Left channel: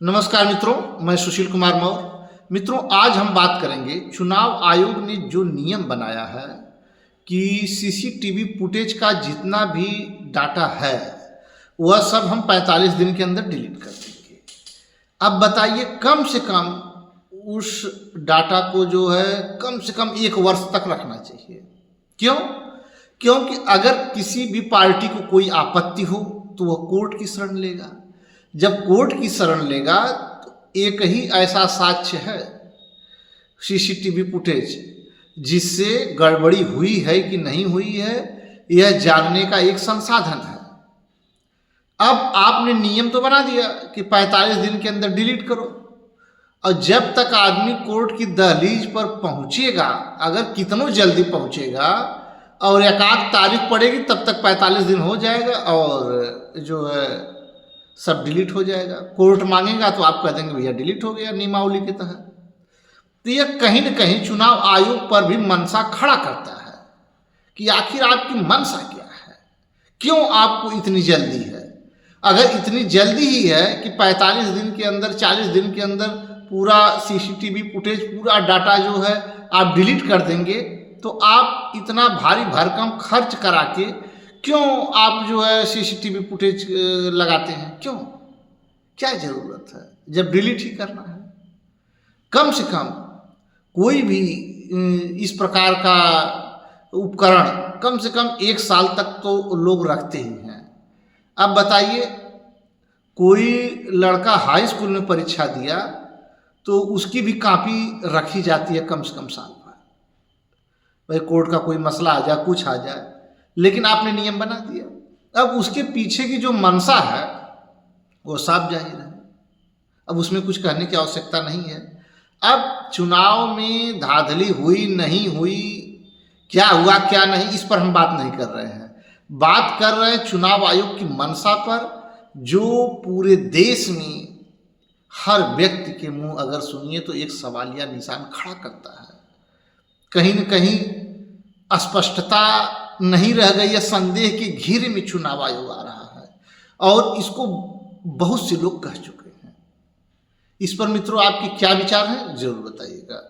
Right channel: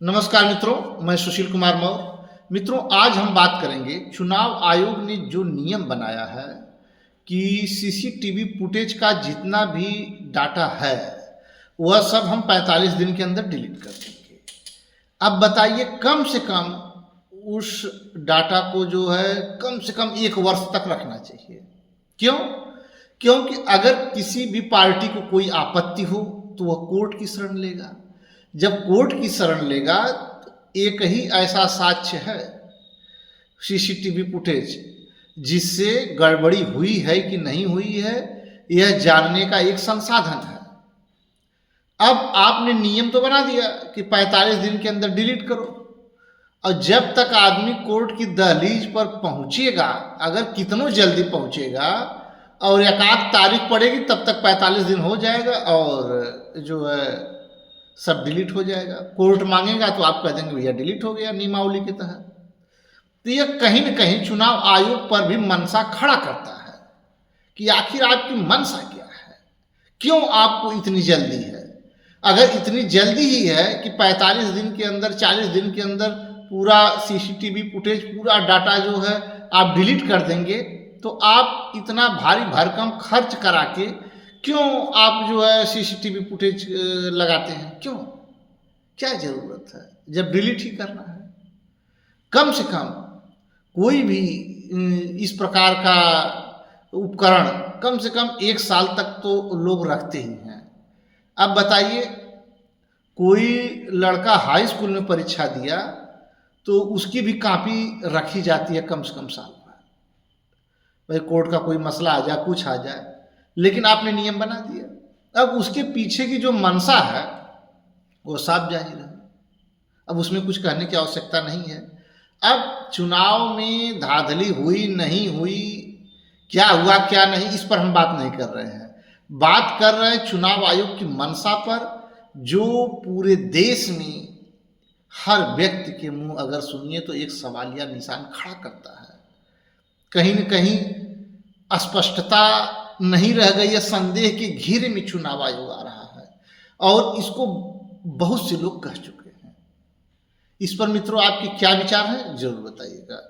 नमस्कार मित्रों, मैं सुशील कुमार मौर्य। मित्रों, आज हम बात करेंगे चुनाव आयोग ने जो नियम बनाया है कि सीसीटीवी फुटेज का जितना भी डाटा है वह सब हम 45 दिन के अंदर डिलीट कर देंगे। अब बताइए, कम से कम उस डाटा को जो है कम से कम 1 वर्ष तक रखना चाहिए। क्यों? क्योंकि अगर किसी भी पार्टी को कोई आपत्ति हो तो वह कोर्ट की शरण लेगा। जब कोर्ट की शरण लेगा तो एक ही ऐसा साक्ष्य है, सीसीटीवी फुटेज, जिससे गड़बड़ी हुई है कि नहीं हुई है यह जानने का एक संसाधन है। अब आपने नियम तो बना दिया कि 45 दिन के अंदर डिलीट करो, और जब तक आदमी कोर्ट की दहलीज पर पहुंचेगा, अगर कितनों जल्दी पहुंचेगा और एक आध तारीख पड़ेगी तब तक 45 दिन हो जाएगा और जो है सब डिलीट हो जाएगा। कोर्ट मांगेगा तो आप कह देंगे भैया डिलीट हो गया नियमावली के तहत। तो यह कहीं न कहीं चुनाव आयोग पर भी मनसा खड़ा करता है कि आखिर आपकी मनसा क्या है, क्यों आपको इतनी जल्दी है। अगर इतनी जल्दी ही है कि 45 दिन के अंदर, 40 दिन के अंदर पूरा सीसीटीवी फुटेज, पूरा डाटा जो है आप डिलीट कर देंगे, तो आप इतना भारी भरकम खर्च करा के क्यों आप जो है सीसीटीवी फुटेज लगाते हैं? क्यों? क्या ज़रूरत है जब डिलीट ही करना है? कम से कम कोई भी इस प्रकार का उपकरण कम से कम 1 साल तक तो लोग रखते ही हैं। अब बताइए, कोई लड़का हाई स्कूल में परीक्षा दिया तो उसकी भी कॉपी रखी जाती है कम से कम साल भर। भाई कोर्ट का कोई मसला आ जाए, कुछ आ जाए, लेकिन आपने नियम बना दिया। अब उसके पीछे की जो मनसा है वो साफ जाहिर है, अब उसमें कुछ कहने की आवश्यकता नहीं है। अब चुनाव में धांधली हुई नहीं हुई, क्या हुआ क्या नहीं, इस पर हम बात नहीं कर रहे हैं। बात कर रहे हैं चुनाव आयोग की मनसा पर, जो पूरे देश में हर व्यक्ति के मुंह अगर सुनिए तो एक सवालिया निशान खड़ा करता है। कहीं न कहीं अस्पष्टता नहीं रह गई है, संदेह के घेरे में चुनाव आयोग आ रहा है, और इसको बहुत से लोग कह चुके हैं। इस पर मित्रों आपके क्या विचार हैं, जरूर बताइएगा।